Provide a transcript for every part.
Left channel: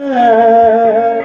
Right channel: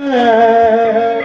अरे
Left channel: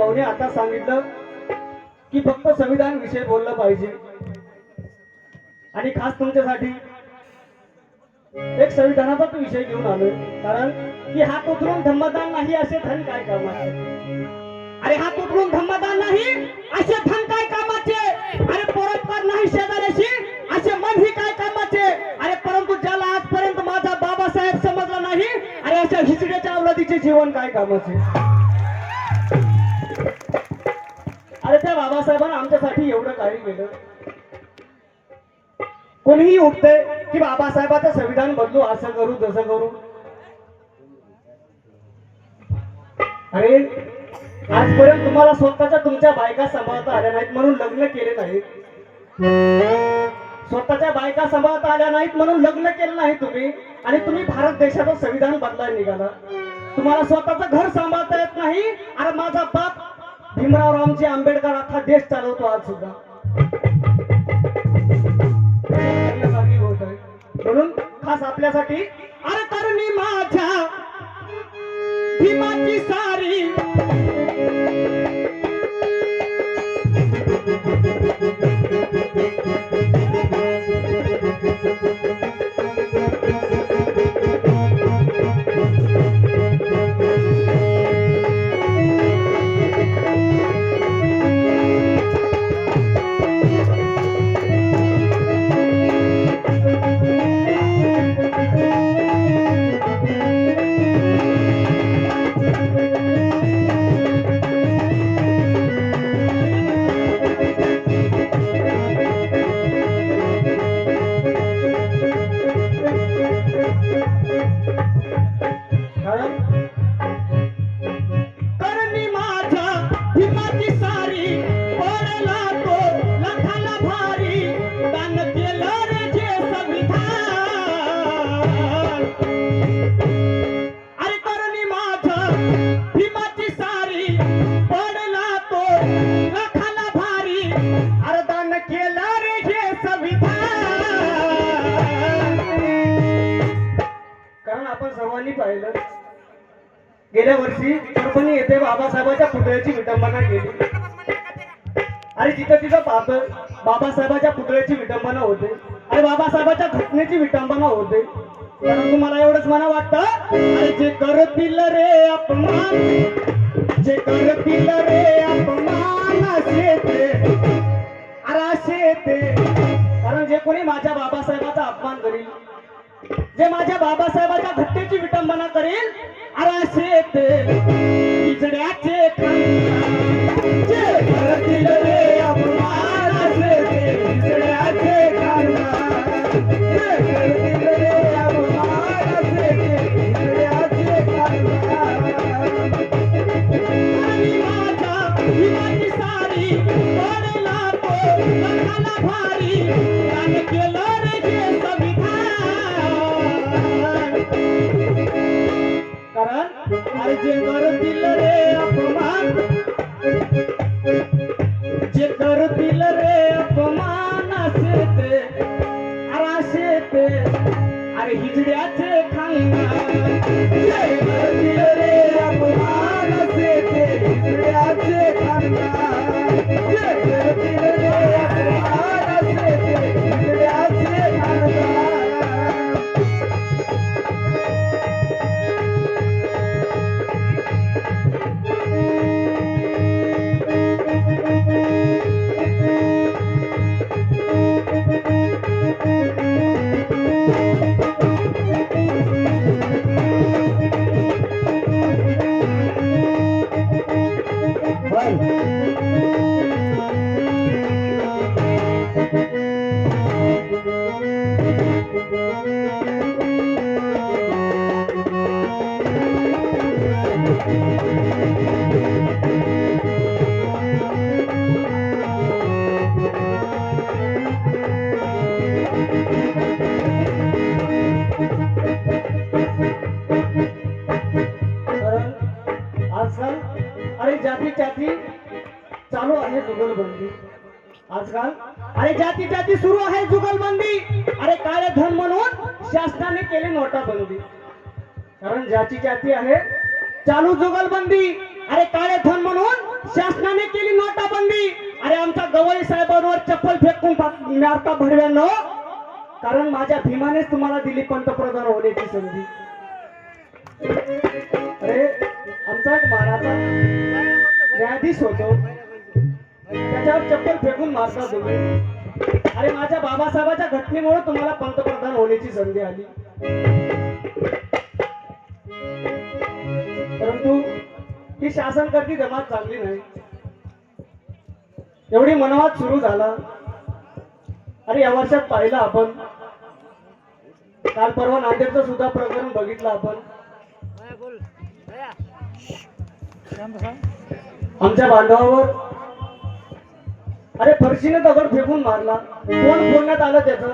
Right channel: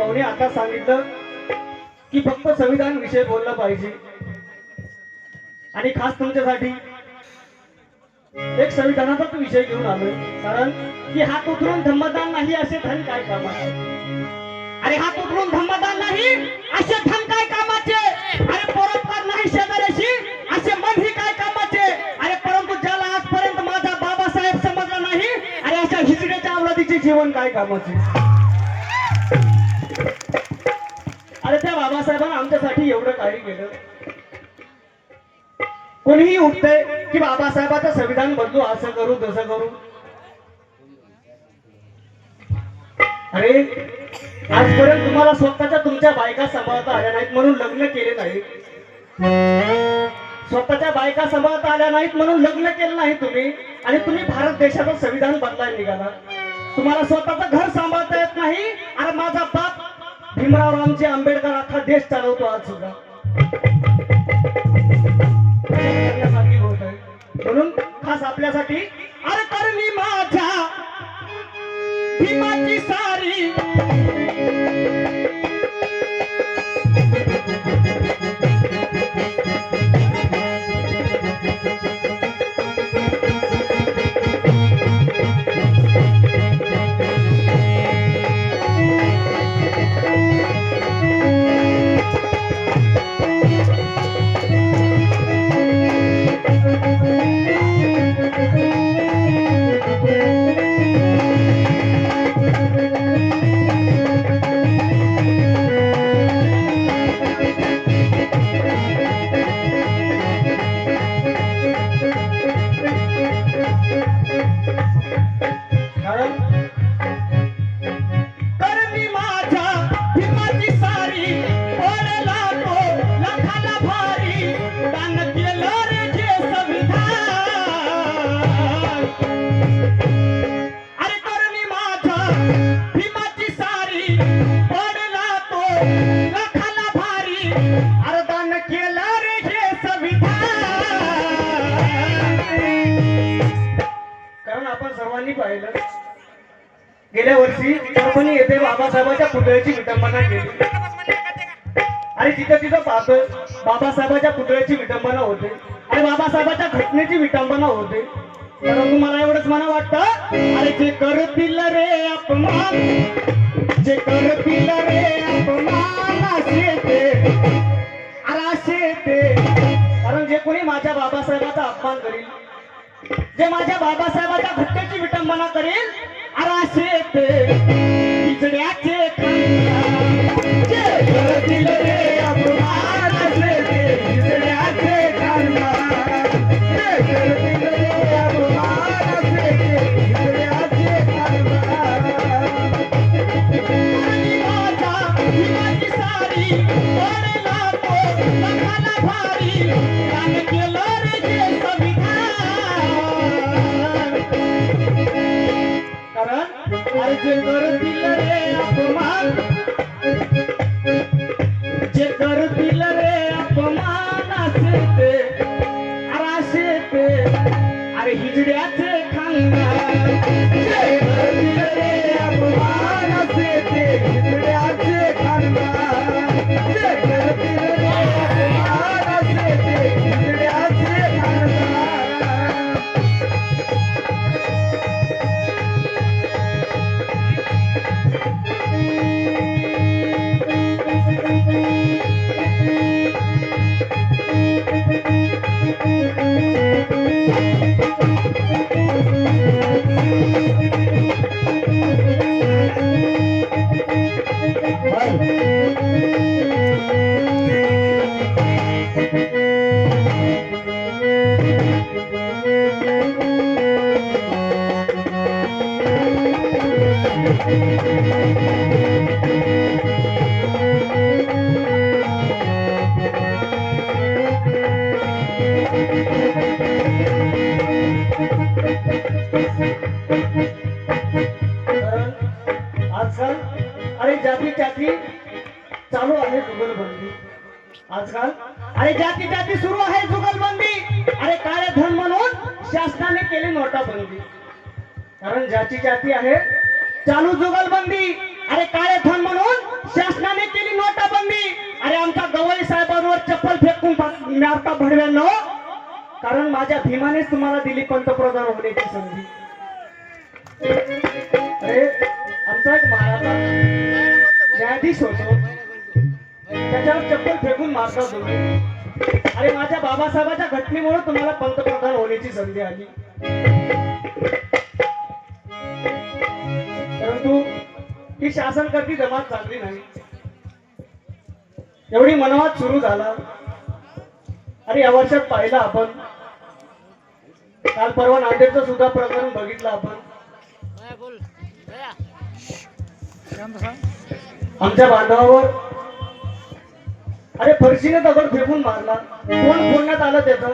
भाऊने आता सांगितलं की फक्त संविधान विषय बोलला पाहिजे. आणि खास तुमच्यासाठी एक संविधानाचाच विषय घेऊन आलोय. कारण की हा उतरून धम्मदान नाही असे धन काय कामाचे? अरे हा उतरून धम्मदान नाही असे धन काय कामाचे? अरे परोपकार नाही शेजाऱ्याशी असे मन ही काय कामाचे? अरे परंतु ज्याला आजपर्यंत माझा बाबासाहेब समजला नाही अरे अशा हिजड्याच्या अवलादीचे जीवन काय कामाचे? आमच्यासाठी एवढं काही केलं. कोणीही उठतंय की बाबासाहेबांचं संविधान बदलू असं करू तसं करू. अरे आजपर्यंत तुम्हाला स्वतःच्या तुमच्या बायका सांभाळता आल्या नाहीत म्हणून लग्न केले नाहीत स्वतःच्या बायका सांभाळता आल्या नाहीत म्हणून लग्न केलं नाही तुम्ही. आणि तुम्ही भारत देशाचं संविधान बदलायला निघाला. तुम्हाला स्वतःचं घर सांभाळता येत नाही. अरे माझा बाप भीमराव रामजी आंबेडकर अख्खा देश चालवतो आज सुद्धा. म्हणून खास आपल्यासाठी अरे तर मी माझ्या भीमाची सा पाहिलं गेल्या वर्षी परभणी येथे बाबासाहेबांच्या पुतळ्याची विटंबना केली. आणि तिथं तिथं पाहतो बाबासाहेबांच्या पुतळ्याची विटंबना होते आणि बाबासाहेबांच्या घटनेची विटंबना होते. परंतु मला एवढंच मला वाटतं अरे जे करतील रे अपमान जे करतील रे अपमान जे माझ्या बाबासाहेबाच्या घटनेची विटंबना करेल अरे असे ते हिजड्याचे खानदान. আজ মোর দিলরে অপমান। चालू आहे आजकाल अरे जाती जाती सुरू आहे जुगलबंदी. अरे काय धन म्हणून शासनाने केली नोटाबंदी. कारण ज्याची जाती आहे चालू जुगलबंदी अरे काळे धन म्हणून? शासनाने केली नोटाबंदी अरे आमच्या गवळी साहेबांवर चप्पल फेकून मारता भडव्यांनो हो. कारण माझ्या भीमानेच तुम्हाला दिली पंतप्रधान होण्याची संधी. अरे आमचा एक महाराजा न्यायाधीश होतो. त्याच्यावर चप्पल फेकून मारता तुम्ही. अरे माझ्या बाबासाहेबाच्या घटनेमुळे तुम्हाला पंतप्रधान होण्याची संधी आली. परंतु ही शासन करती जमात चांगली नाही. एवढी मनवाद सुरू झाला. अरे या वर्षात पाहिलं आपण काल परवा नांदेडचं सुद्धा प्रकरण बघितलं आपण. आमच्या बांधवावर अरे फरशीने दगड फेकून मारला. कोण फोडण्यात आलं त्याचं?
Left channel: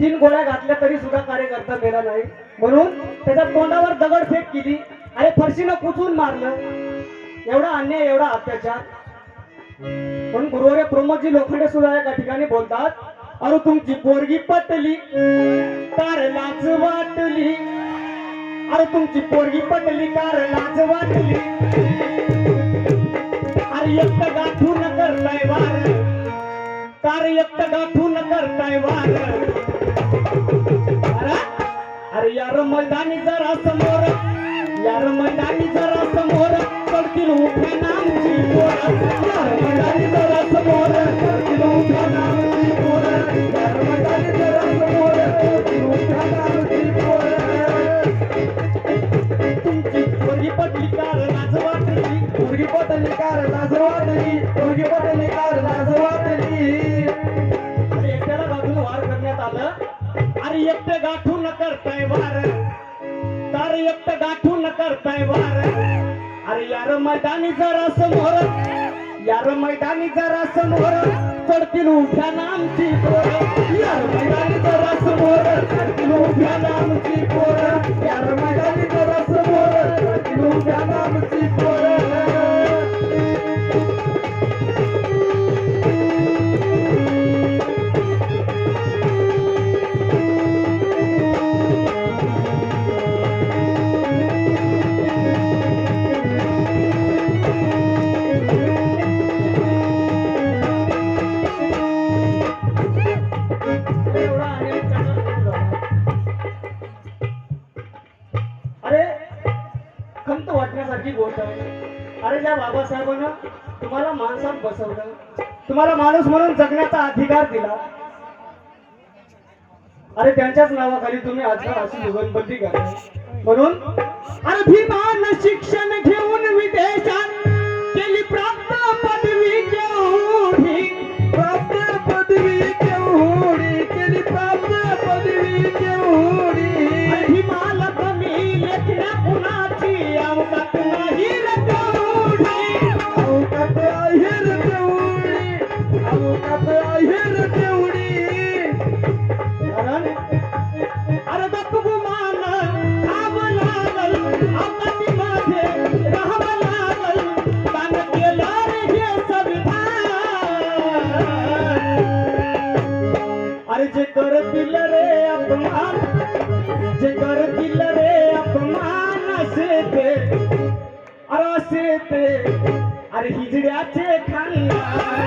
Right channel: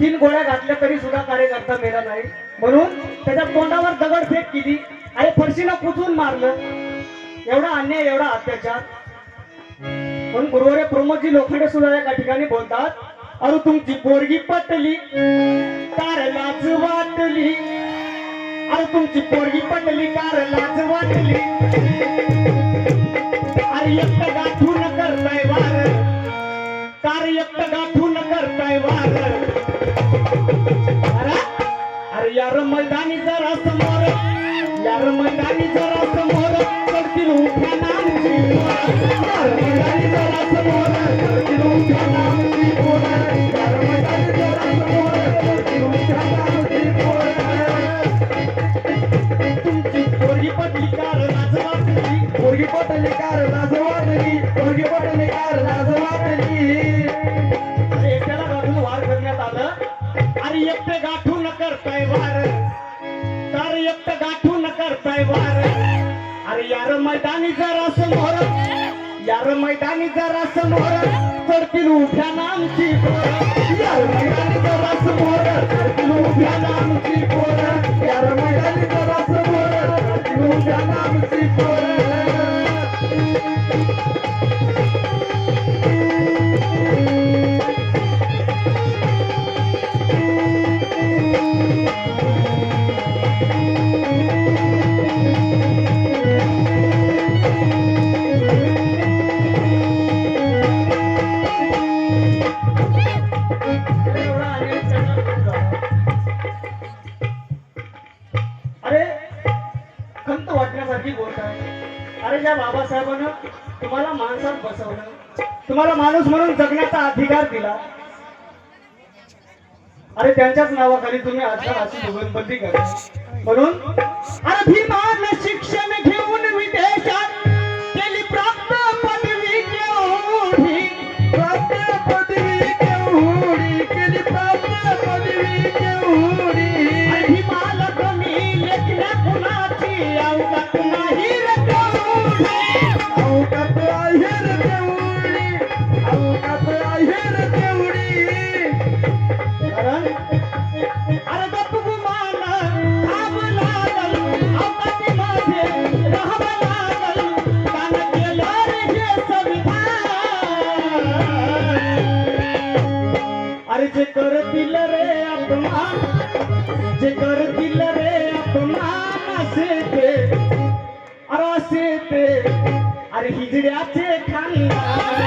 तीन गोळ्या घातल्या तरी सुद्धा कार्यकर्ता मेला नाही. म्हणून त्याच्या तोंडावर दगड फेक केली. अरे फरशीनं कुचून मारलं. एवढा अन्याय एवढा अत्याचार. पण गुरुवारी प्रमोदजी लोखंडे सुद्धा एका ठिकाणी बोलतात अरे तुमची पोरगी पटली कार लाच वाटली. अरे तुमची पोरगी पटली कार लाच वाटली. अरे एकट गाठू न करताय वार. तार एकट गाठू न करताय वार. अरे? अरे यार मैदानी जरा समोर. समोर करतील उभ्या नामची जरा समोर. खंत वाटण्यासारखी आहे. अरे ज्या बाबासाहेबांना तुम्हाला माणसात बसवलं. तुम्हाला माणूस म्हणून जगण्याचा अधिकार दिला. अरे त्यांच्याच नावाखाली तुम्ही आजच्या अशी जुगलबंदी करा. म्हणून अभिमान शिक्षण घेऊन विदेशात केली प्राप्त पदवी केवढी प्राप्त पदवी केवढी केली प्राप्त पदवी केवढी. अभिमान कमी लेखण्या कुणाची अवकात ते अरे हिजड्याचे खानदान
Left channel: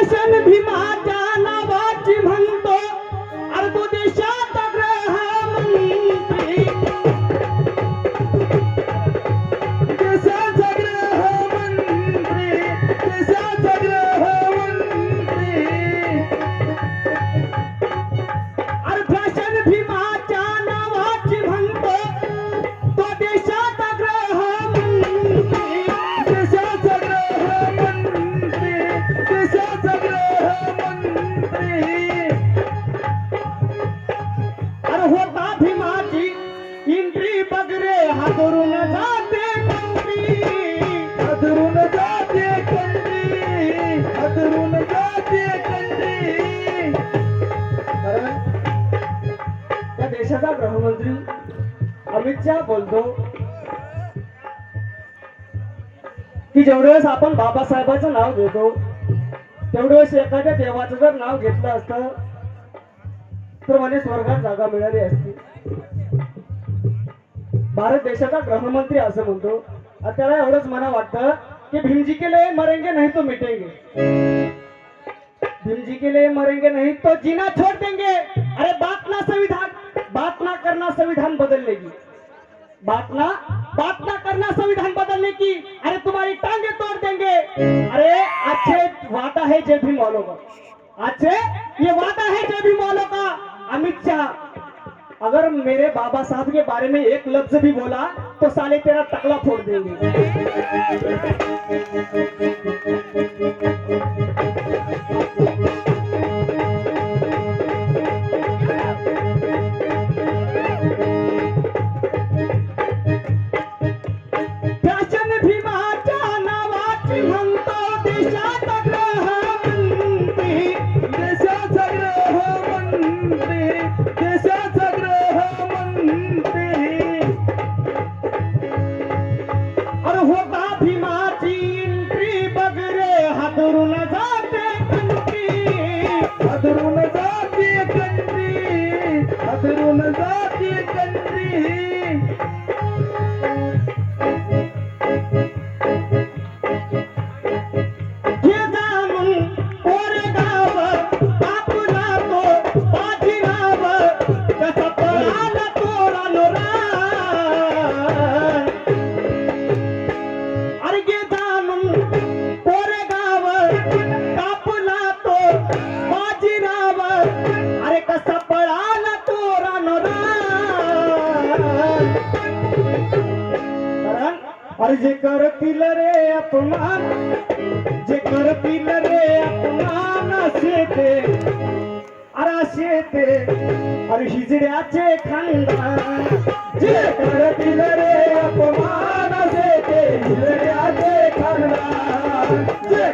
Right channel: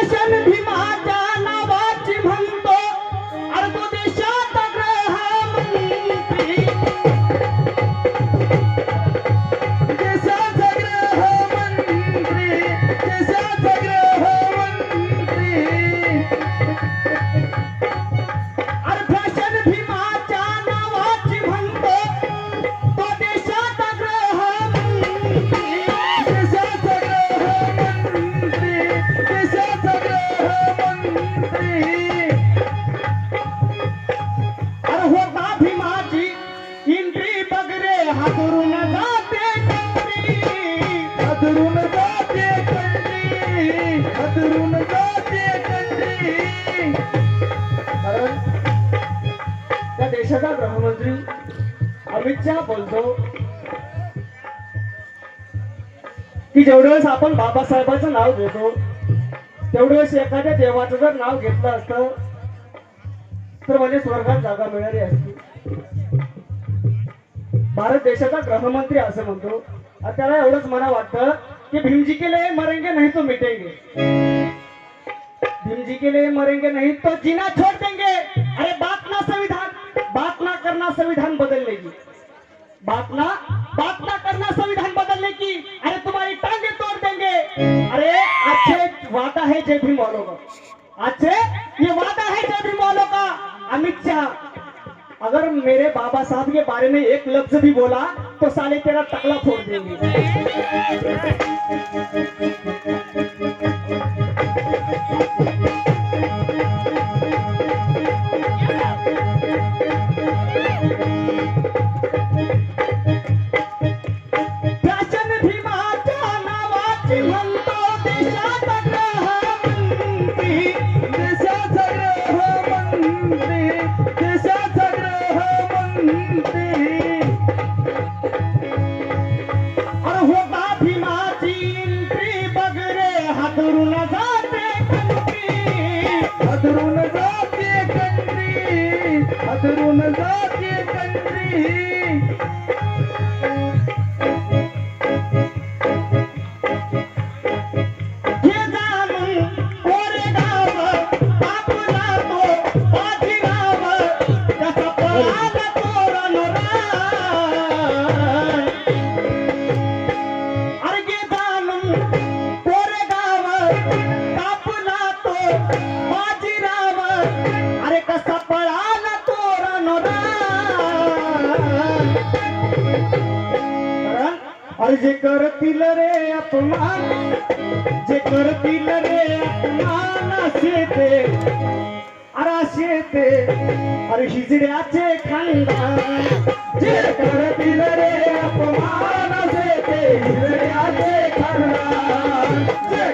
iglesia. आपण बाबासाहेबाचं नाव घेतो. तेवढे वेळेस एखाद्या देवाचं जर नाव घेतलं असतं तर म्हणजे स्वर्गात जागा मिळाली असती. भारत देशाचा गृहमंत्री असं म्हणतो. आणि त्याला एवढंच मला वाटतं की भीमजी केले मरेंगे नाही तो मिटेंगे. भीमजी केले मरेंगे नाही तो जीना छोड़ देंगे. अरे बात ना संविधान. बात ना करना संविधान बदलने की बात ना बात ना करना संविधान बदलने की। अरे तुम्हारी टांगे तोड़ देंगे। अरे अच्छे वादा है जय भीम वालों का। अच्छे ये वादा है जय भीम वालों का। अमित शाह अगर मेरे बाबा साहब के बारे में एक लफ्ज भी बोला तो साले तेरा तकला फोड़ देंगे। कापला तो बाजीराव अरे कसा पळाला तोरण रान. अरे जे करतील रे अपमान जे करतील रे अपमान असे ते. अरे असे ते. अरे हिजड्याचे खानदान जे करतील रे अपमान असे ते. हिजड्याचे खानदान जे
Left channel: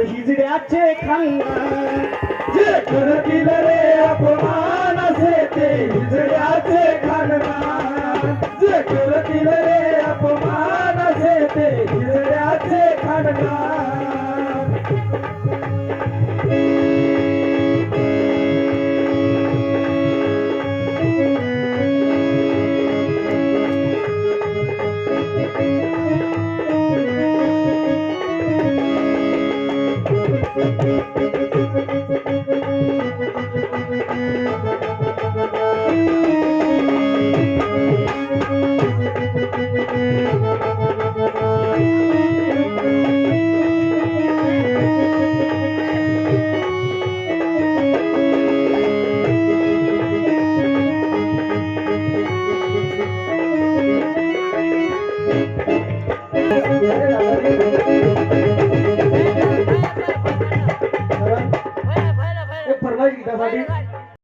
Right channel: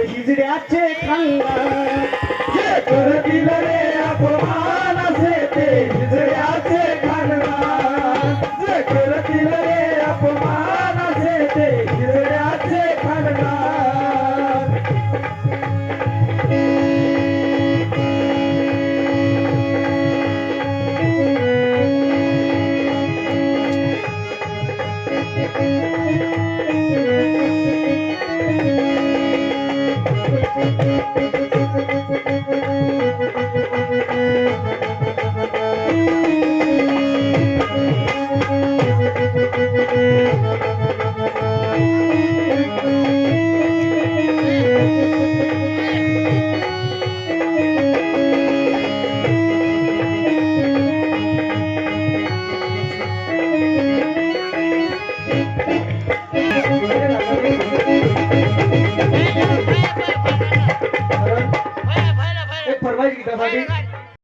अरे हिजड्याचे खानदान